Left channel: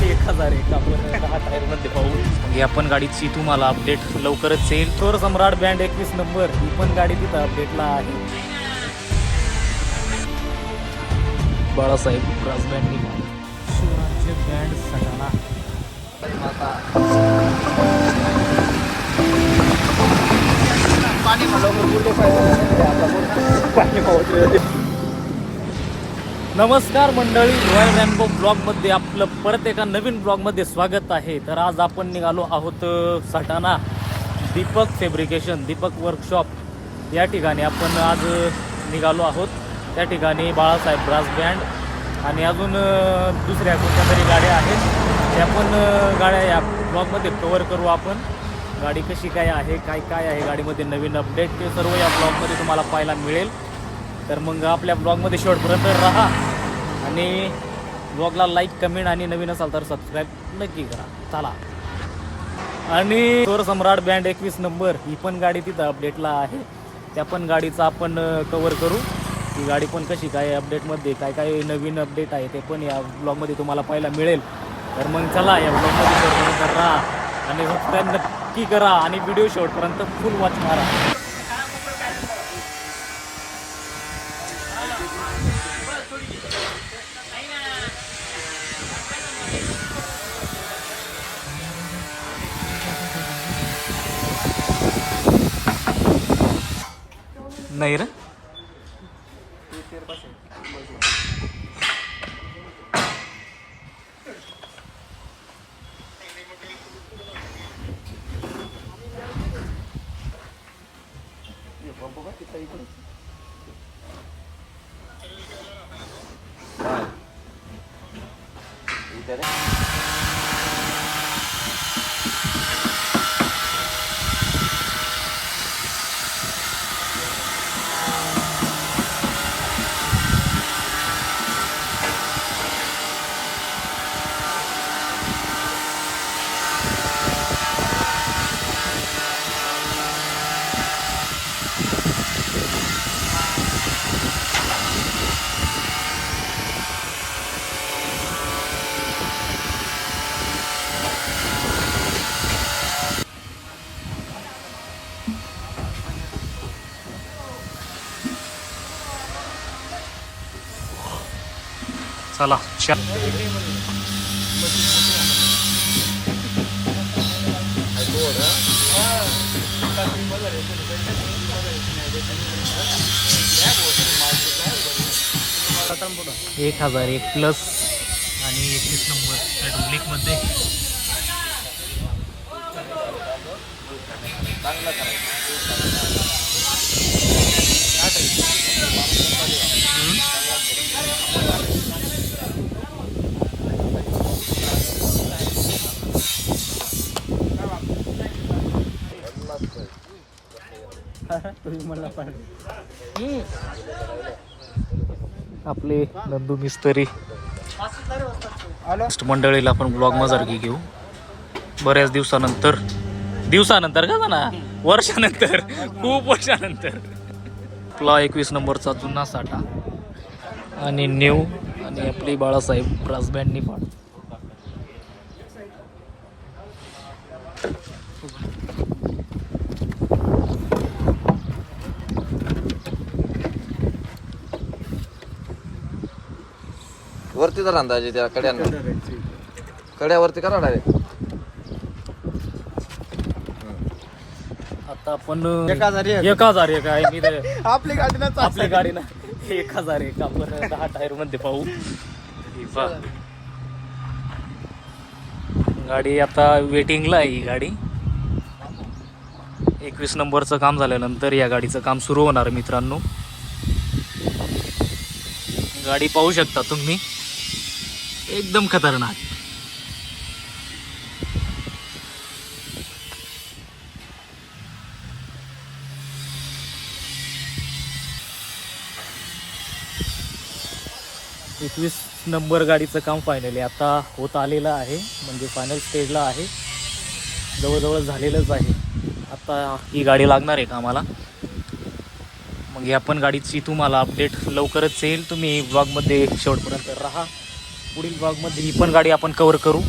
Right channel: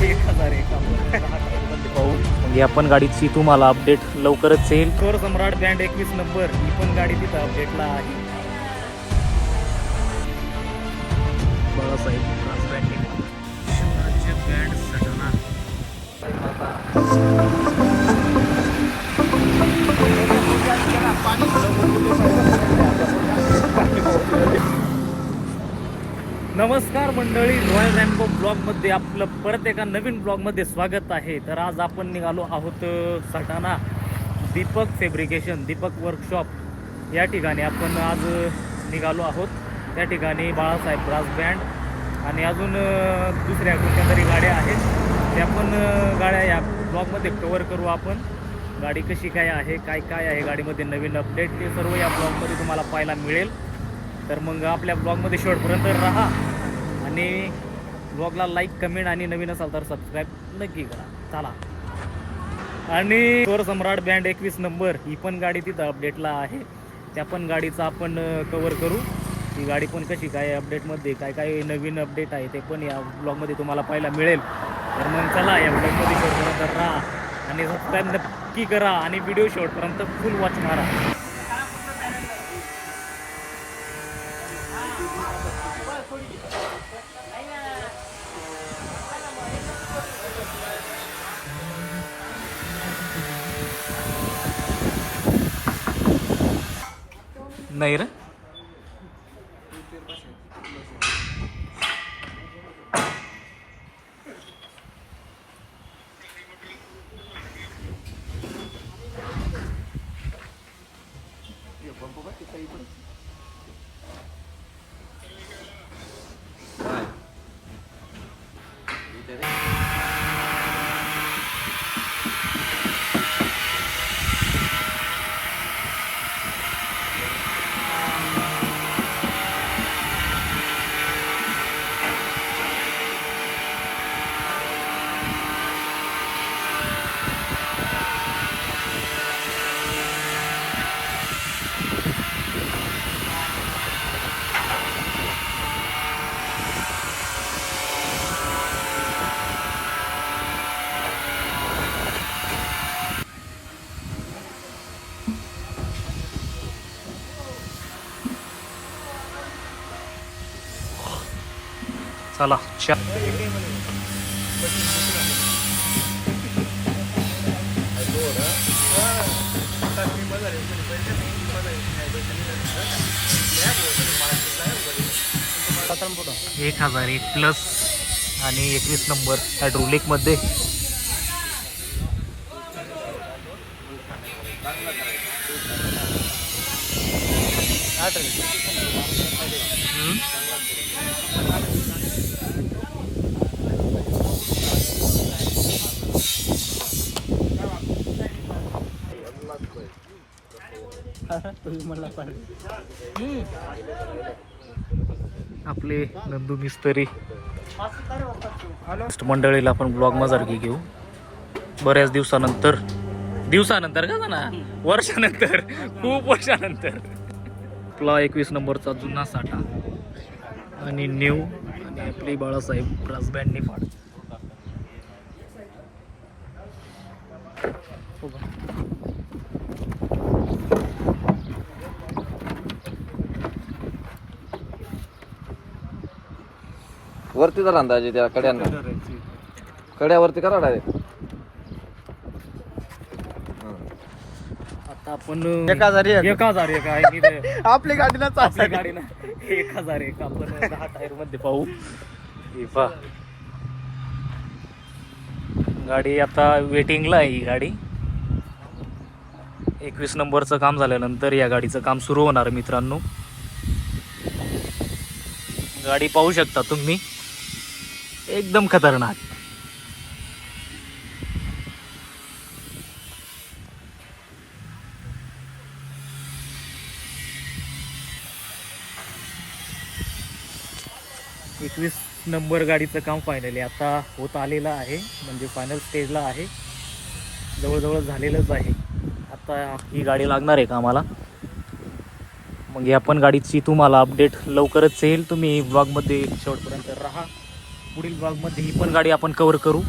1001 आपण पाहू. मग आपण गाडीची तुम्हाला अपडेट लवकरच येईल. थोर सम्राट बँड 21 नंबर ही पण गाडी तिथं अपडेटला आहे. बाळासाहेब शिवराज्य बँड सटाणा. नमस्कार मंडळी, रॉयल रॅम्बो ब्लॉगमध्ये आपलं परत एका नवीन ब्लॉगमध्ये स्वागत आहे. तर आज आपण निघालो आहोत सटाणा दीपक फॅब्रिकेशन, दीपक वर्कशॉप या ठिकाणी आपण आज निघालो आहोत. त्या ठिकाणी बाळासाहेब ब्रास बँड आणि अजून दुसऱ्या कोणत्या तरी गाड्या आहेत. त्या पण गाड्या या ब्लॉगमध्ये कवर करू आपण. गाडी कशी काय आहे, काय आहे गाडीमध्ये नवीन अपडेट, ते सर्व या ब्लॉगमध्ये तुम्हाला पाहायला मिळेल. तर मग आपल्या ब्लॉगमध्ये शेवटपर्यंत राहा आणि ब्लॉगला लाईक, कमेंट आणि नवीन असाल तर सबस्क्राईब नक्की करा. चला. आणि थोर सम्राट बँड 21 नंबर ही पण गाडी तिथं अपडेटला आहे. त्या पण गाडीचा आपण कवर करू. ही गाडी पण कशी काय अपडेटमध्ये काय नवीन अपडेट आहे ते पण या ब्लॉगमध्ये तुम्हाला पाहायला मिळेल. तर मग चला या ब्लॉगमध्ये शेवटपर्यंत राहा आणि सबस्क्राईब नक्की करा आणि व्हिडिओ शेवटपर्यंत फुल वॉच मारा. नाही रे, चला. एक 1001 प्लस आणि 21 नंबर हायड्रोलिक मध्ये. आपले नंदू मिस्त्री मंडळीला आपण ब्लॉग मजारकी घेऊ बऱ्याच दिवसानंतर का ना, वर्षानंतर, खूप वर्षानंतर. आपला 21 नंबरचा जुना साठा आणि न्यू आणि आपली बाळासाहेब ब्रास बँड निफाड. वरती जर अंदाजे त्या कड्यावरती करा डायरेक्ट. आता आपण 1001 आहे आपली गाडी ना 1001 आपण 10 टायर मध्ये पाहू. गाडी आता वेटिंगला आहे. ही गाडी 21 नंबरचं काम झाल्यानंतर या गाडीचं काम सुरू होणार मित्रांनो. गाडी पाहू शकता तुम्ही, एकदम खतरनाक. एकवीस नंबर गाडीचं काम फायनली आता होत आलेलं आहे, म्हणजे फायनल स्टेजला आहे, जवळजवळ झालेलंच आहे. आता ही गाडी लागणार आहे कामाला. मग या पण गाडीची तुम्हाला अपडेट लवकरच येईल. तुम्ही ब्लॉगमध्ये शेवटपर्यंत राहा पुढील ब्लॉगमध्ये ही पण गाडी आपण कव्हर करू.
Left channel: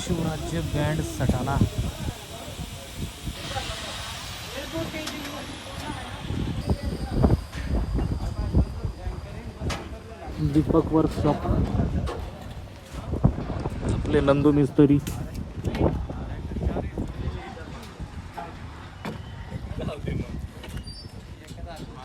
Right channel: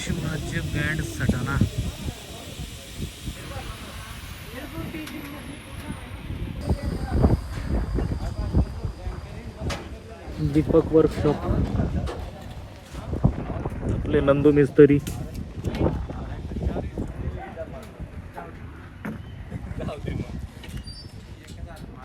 शिवराज्य बँड सटाणा. दीपक वर्कशॉप, आपले नंदू मिस्त्री.